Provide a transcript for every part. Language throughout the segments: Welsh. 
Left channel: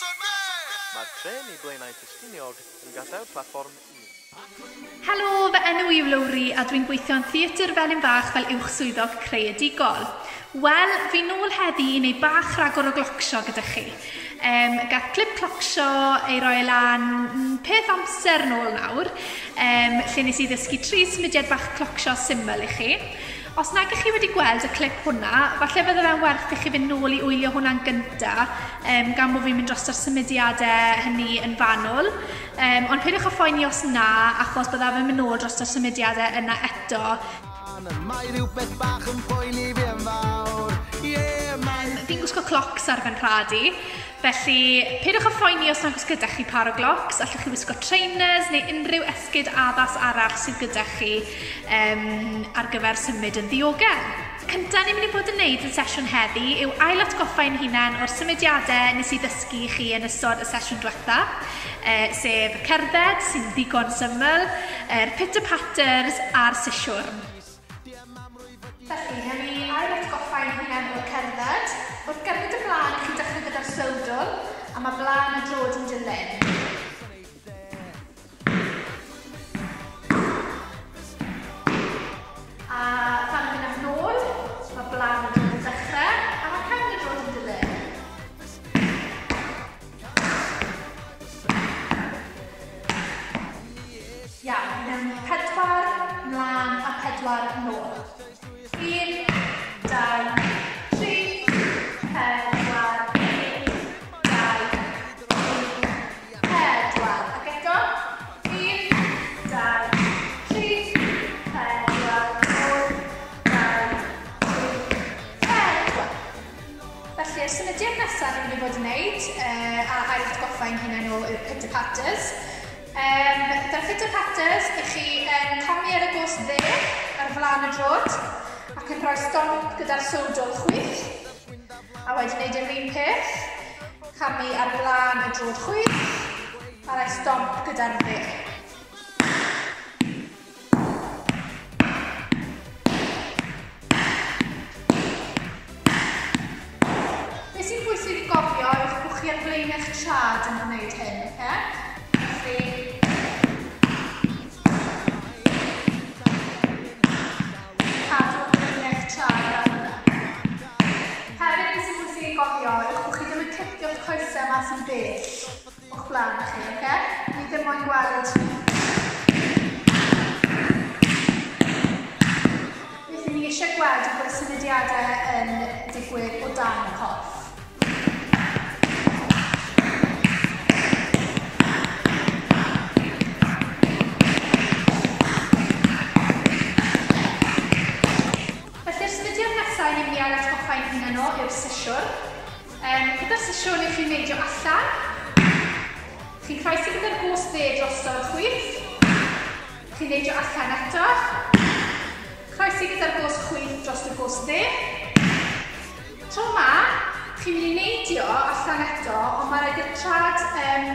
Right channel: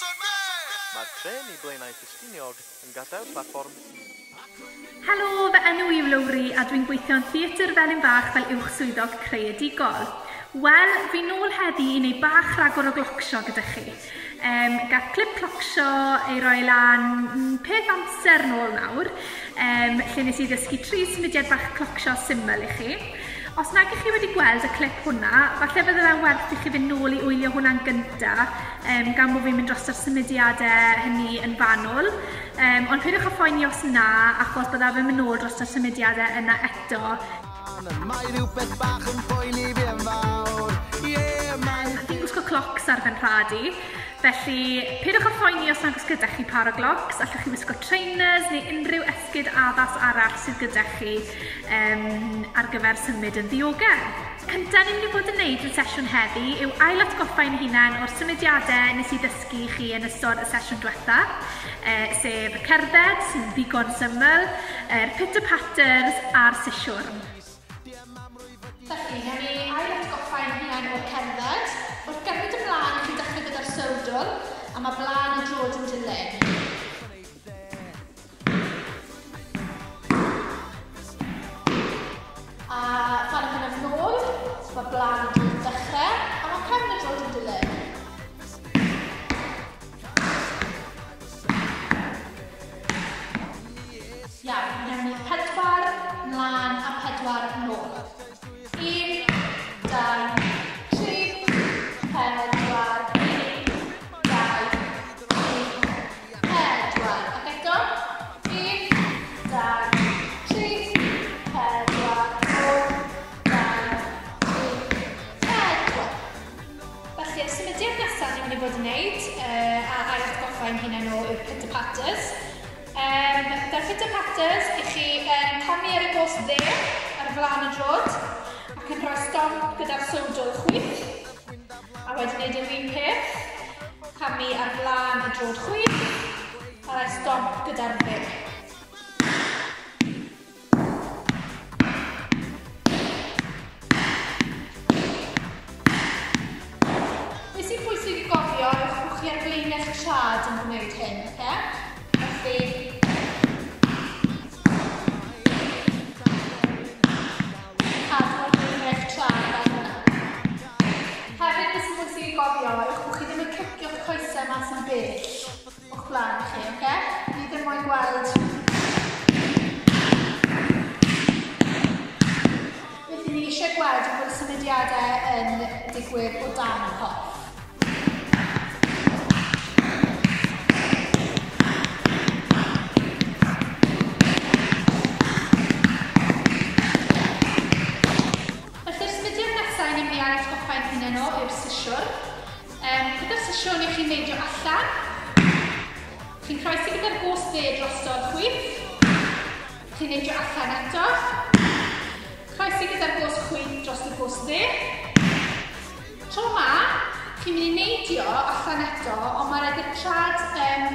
Mae'r tren I blaenau Ffestiniog yn gadael platfform 1. Helo, fy enw I yw Lowri a dwi'n gweithio'n theatr Felyn Fach fel uwchswyddog creadigol. Wel, fi nôl heddi I wneud bach rhagor o Clocsio gyda chi. Gath clip Clocsio ei roi lan peth amser nôl nawr, lle nes I ddysgu 3 symudiad bach Clocsio syml I chi. Os nag ych chi wedi gweld y clip hwnna, falle bydde fe'n werth I chi fynd nôl I wylio hwnna'n gynta, gan bod fi'n mynd dros o'r symudiadau hynny yn fanwl. Ond peidiwch â phoeni os na, achos bydda fe'n mynd nôl dros o'r symudiadau yna eto. Mae rhywbeth bach yn poeni fi yn fawr. Fi'n gwisgo clocs ar fy nrhadu, felly peidiwch â phoeni os nag oes gyda chi par o glocs, allwch chi wisgo trainers neu unrhyw esgid addas arall sydd gyda chi ar gyfer symud yn ddiogel. Cynta ni'n mynd I fod yn gwneud yn sesiwn heddi yw ail atgoffau'n hunain o'r symudiadau nes I ddysgu chi yn ystod y sesiwn diwetha, sef y cerdded sy'n ddigon syml, pitter-patters a'r siswrn. Felly, newn ni ail atgoffau'n hunain o'r cerdded. Wrth gerdded y blaen, I chi dechrau gyda'r sowdl, a mae blaen y drod yn dilyn. A fan hyn yn ôl, mae blaen y drod yn dechrau, a mae cefn y drod yn dilyn. Iawn, newn ni 4 mlaen a 4 nôl. 1, 2, 3, 4, 1, 2, 3, 4. Ac eto. 1, 2, 3, 4, 1, 2, 3, 4. Felly'r symudiad nesaf ni'n mynd I fod yn gwneud, a ail atgoffau'n hunain o yw'r pitter-patters. Da'r pitter-patters, I chi camu ar y gos dde ar flaen y drod, ac yn rhoi stomp gyda'r sowdl chwith, a wedyn gwneud yr un peth, camu ar flaen y drod chwith, a rhoi stomp gyda'r dde. Be sy'n bwysig I gofio yw bod chi ar flaen eich trad yn gwneud hyn, Felly, cadw ar flaen eich trad fel hynna. Hefyd, beth sy'n bwysig I gofio yw bod chi ddim yn cicio'ch coesau mas yn bell o'ch flaen chi, Ni ddim moyn gweld beth ni eisiau gweld yw bod y symudiadau yn digwydd o dan y corff. Ni'n mynd I ar atgoffau'n hunain o yw'r siswrn. Gyda'r siswrn I chi'n neidio allan. Chi'n croesi gyda'r gos dde drosto'r chwith. Chi'n neidio allan eto. Croesi gyda'r gos chwith dros y gos dde. Tro yma, chi'n mynd I neidio allan eto, ond mae rhaid i'r trad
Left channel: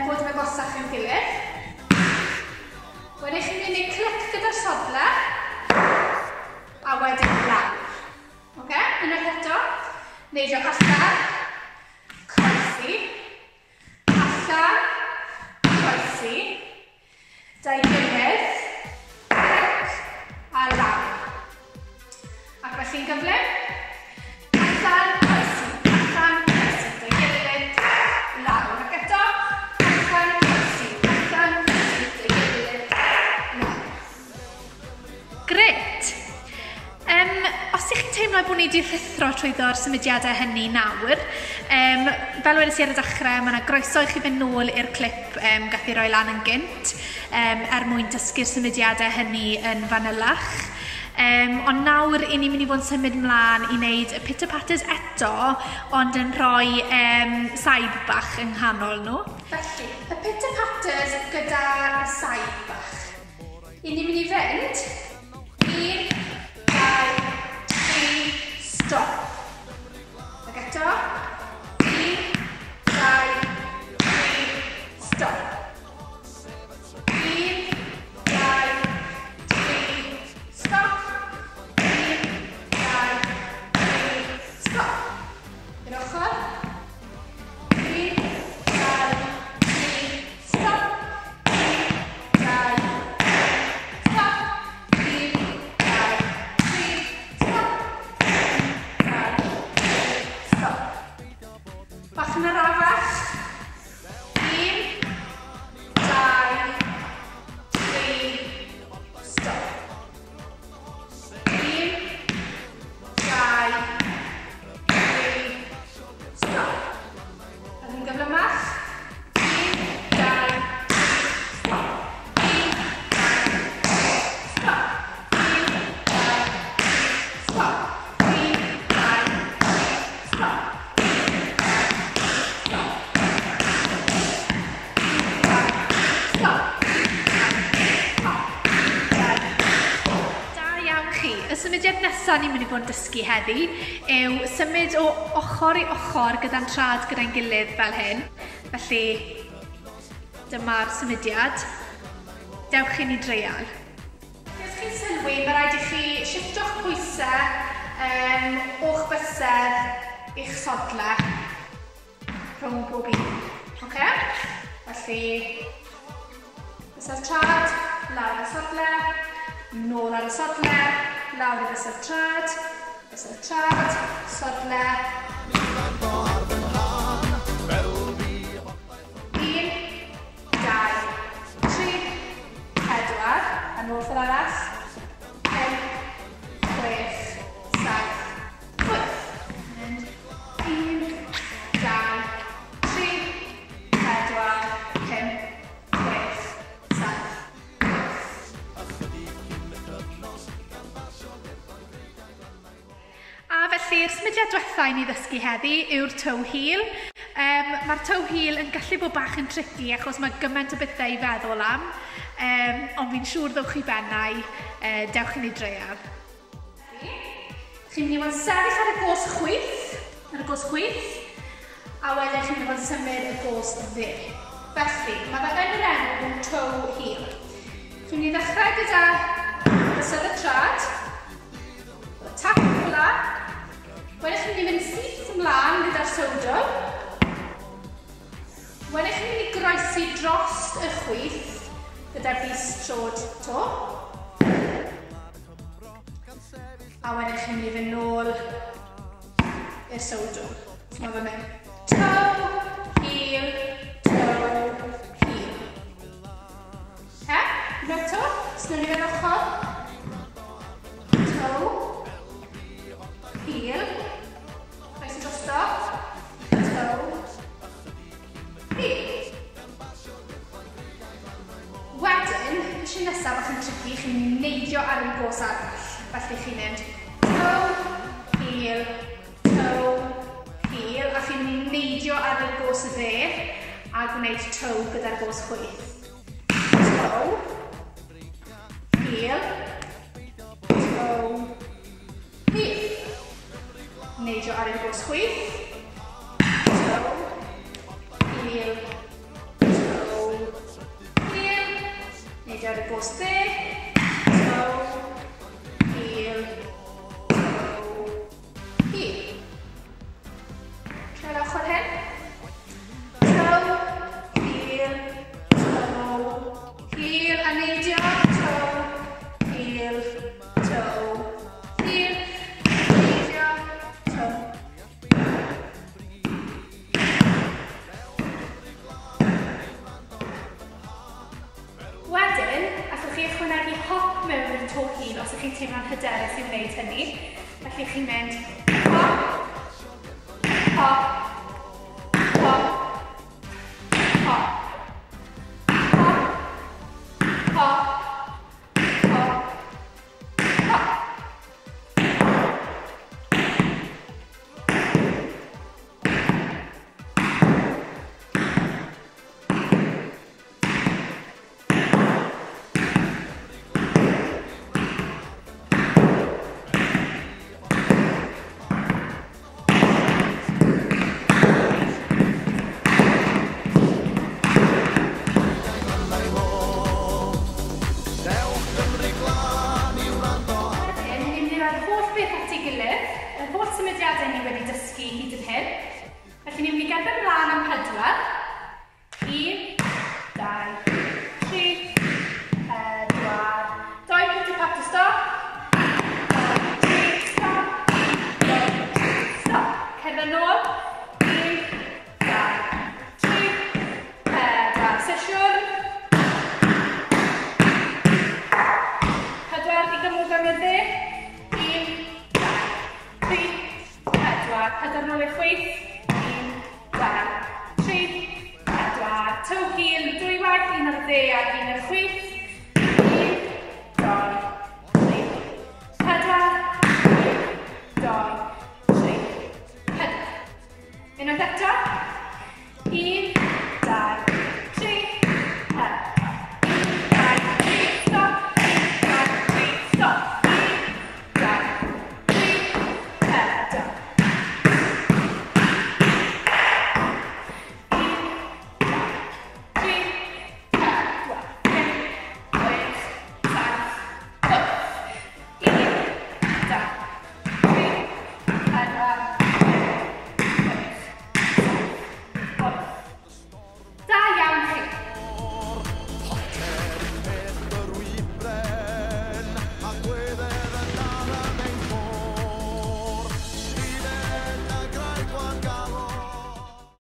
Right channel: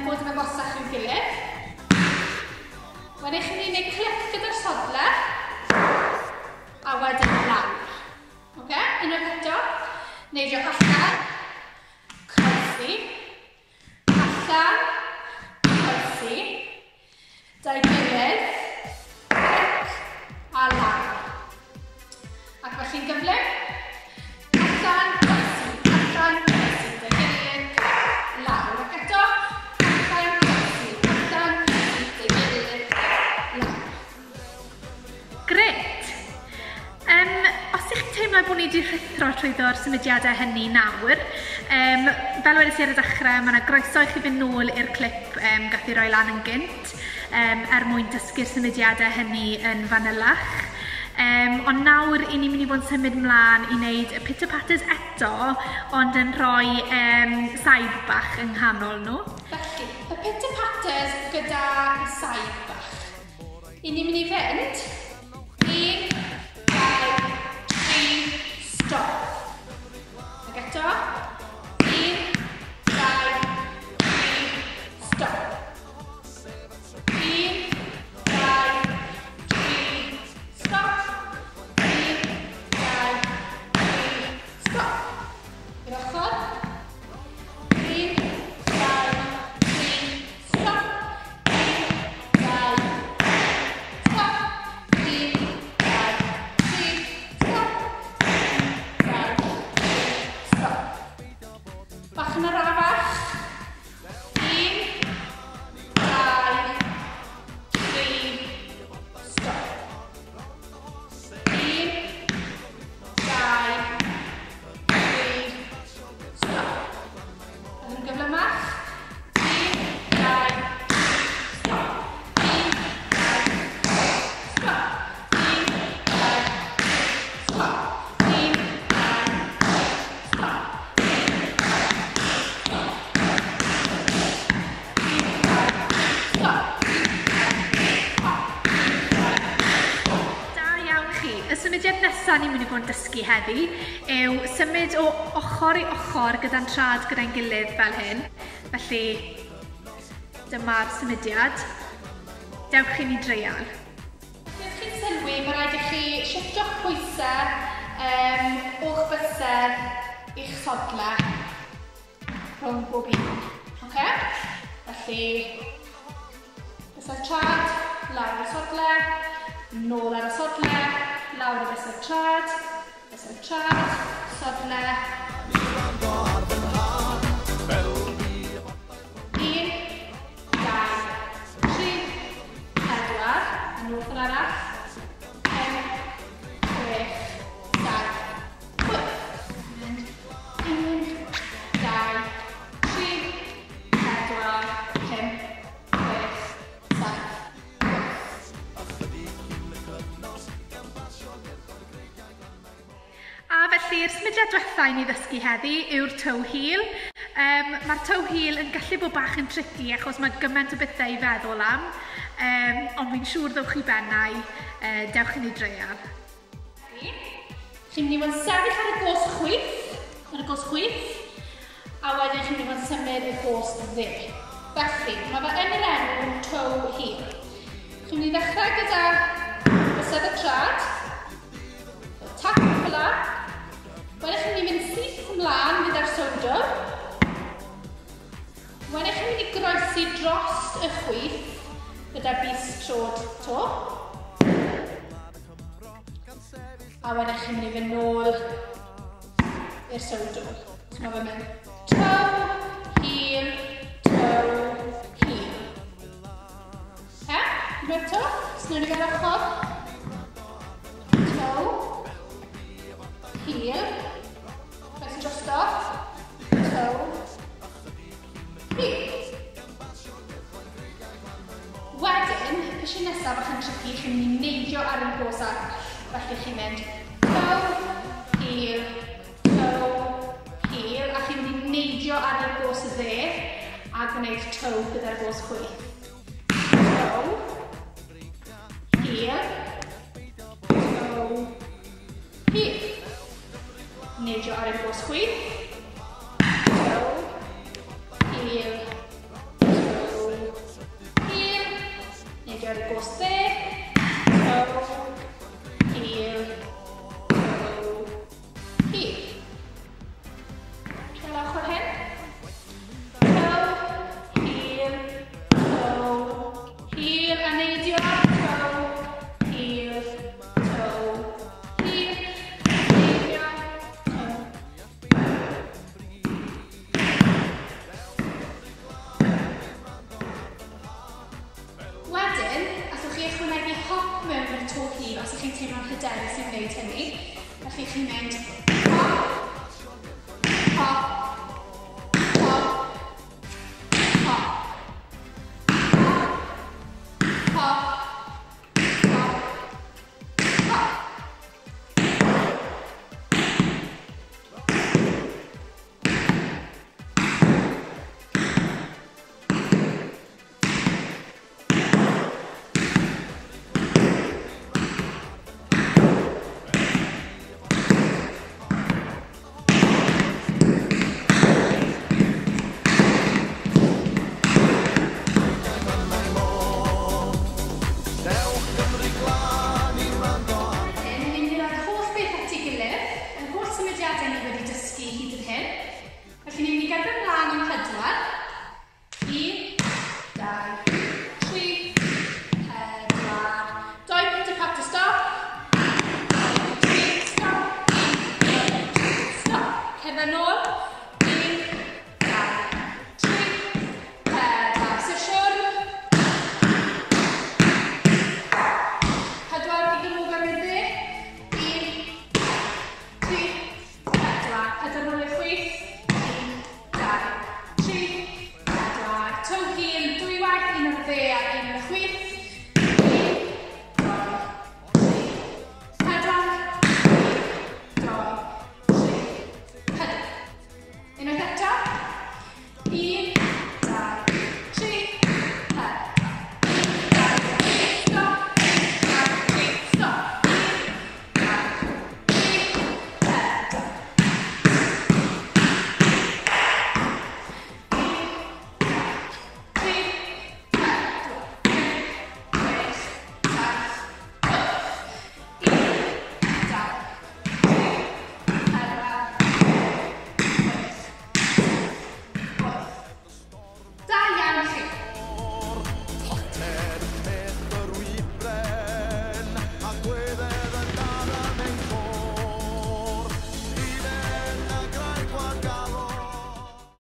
bod yn agosach i'w gilydd. Wedyn chi'n mynd I wneud clic gyda'r sodle, a wedyn lawr. Unwaith eto, neidio allan, croesi, allan, croesi, da'i gilydd, clic, a lawr. Ac felly'n gyflym, allan, croesi, da'i gilydd, lawr. Ac eto, allan, croesi, da'i gilydd, lawr. Gret! Os ych chi'n teimlo bod ni wedi rhithro trwyddo'r symudiadau hynny nawr, fel wedys I ar y dechrau, mae yna groeso I chi fynd nôl i'r clip gath I roi lan yn gynt, mwyn dysgu'r symudiadau hynny yn fanylach. Ond nawr I ni'n mynd I fod yn symud mlaen I wneud y pitter-patters eto, ond yn rhoi saib bach yng nghanol nhw. Felly, y pitter-patters gyda saib bach. I ni'n mynd I fynd 1, 2, 3, stop. Ac eto. 1, 2, 3, stop. 1, 2, 3, stop. 1, 2, 3, stop. I'r ochr. 1, 2, Bach yn arafach. 1, 2, 3, stop. 1, 2, 3, stop. A ddim gyflymach. 1, 2, stop. 1, 2, stop. 1, 2, stop. 1, 2, stop. Y symudiad nesaf ni'n mynd i fod yn dysgu heddi yw symud o ochr i ochr gyda'n trad gyda'n gilydd fel hyn. Felly, dyma'r symudiad. Dewch i ni dreial. Os chi'n sylwi, mae rhaid i chi shifto'ch pwysau o'ch bysedd i'ch sodle rhwng bob un. Felly, bysedd trad, lawr y sodle, nôl ar y sodle, lawr i bysedd trad, sodle. 1, 2, 3, 4, a nôl ffordd arall. 5, 6, 7, 8. 1, 2, 3, 4, 5, 6, 7. A felly'r symudiad diwethaf i ni ddysgu heddi yw'r tow heel. Mae'r tow heel yn gallu bod bach yn tricky achos mae gymaint o bethau i feddwl am, ond fi'n siŵr ddewch chi bennau, dewch i ni dreial. Chi'n mynd i fod yn sefyll ar y gos chwith, a wedyn chi'n mynd i fod yn symud y gos dde. Felly, mae fe yn yr enw tow heel. Chi'n mynd i ddechrau gyda bysedd y trad, tap fyla. Wedyn chi'n mynd i fynd syth ymlaen gyda'r sowdwr. Wedyn chi'n mynd i groesi drost y chwith gyda'r bys trod to. A wedyn chi'n mynd i fynd nôl i'r sowdwr. So mae fe'n mynd tow, heel, tow, heel. Unwaith to, snwn i fe'n ochr. Tow, heel, croesi drosto, tow, heel. Wedyn, eisiau nesaf bach yn tricky, chi'n mynd i neidio ar y gos arall. Felly chi'n mynd tow, heel, a chi'n mynd i neidio ar y gos dde a gwneud tow gyda'r gos chwith. Tow, heel, tow, heel. Neidio ar y gos chwith. Tow, heel, tow, heel. Neidio ar y gos dde. Tow, heel, tow, heel. Treul ochr hyn. Tow, heel, a neidio. Tow, heel, heel. Neidio, tow. Wedyn, allwch chi ychwanegu hop mewn i'r to heel os ydych chi'n teimlo'n hyderus i wneud hynny. Felly chi'n mynd hop, hop, hop, hop, hop, hop, hop, hop. Symudiadau ni wedi dysgu hyd yn hyn. Felly ni'n mynd i gerdded mlaen am 4. 1, 2, 3, 4. 2 pitter patter stop. 2, 3, stop. 1, 2, stop. Cerdded nôl. 1, un ar y dde a un ar y chwith.